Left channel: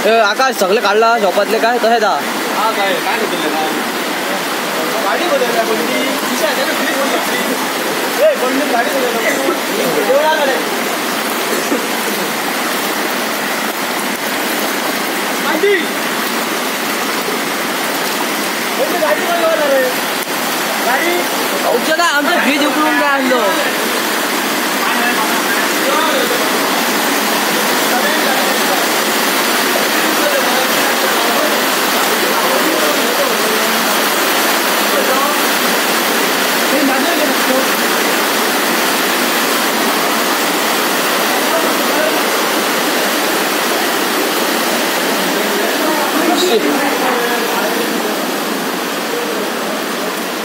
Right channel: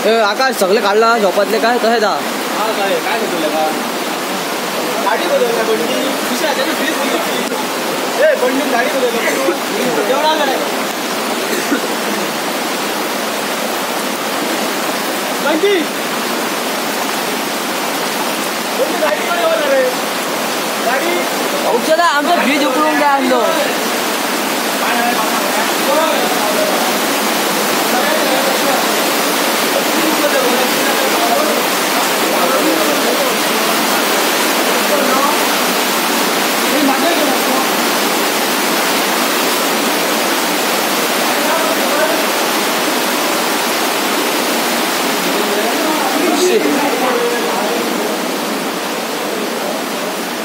आकाश सगळे काढला झोपातले काय तसं दा हा काय काय होतं का गाडी बदलला बंडी तुझ्या हाताने फ्रीज बदलली ए बंडी गाडी बदलला एवढा आला बंडी गाडी पण लावणार रे गाडी औषधा आमचं फ्रीज उकळून काय आणलो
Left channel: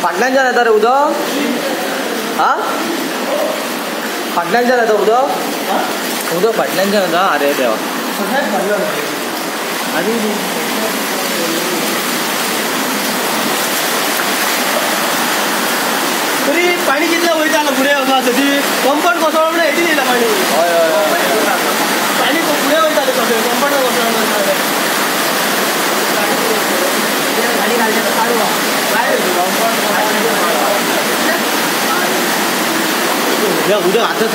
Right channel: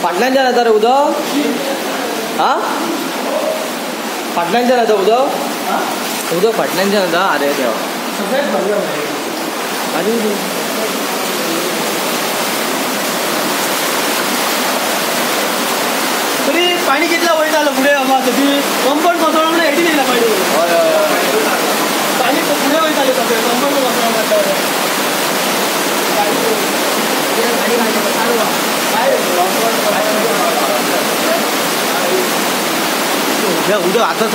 फाटल्यान येता रे उदक हा फाटल्यान येता उदक उदक फाटल्यान येता अरे देवा अरे तरी पाणी कितला वय झालं पुढे बाबा ती कंपाऊंड कोसळलं म्हणजे एडी दिला पाणी हय हय पाणी पुढे वय झाले सगळे कंपाऊंड कोसळलं म्हणतात गाडी घालण्याचं चालू काय कंपाऊंड उद्या आता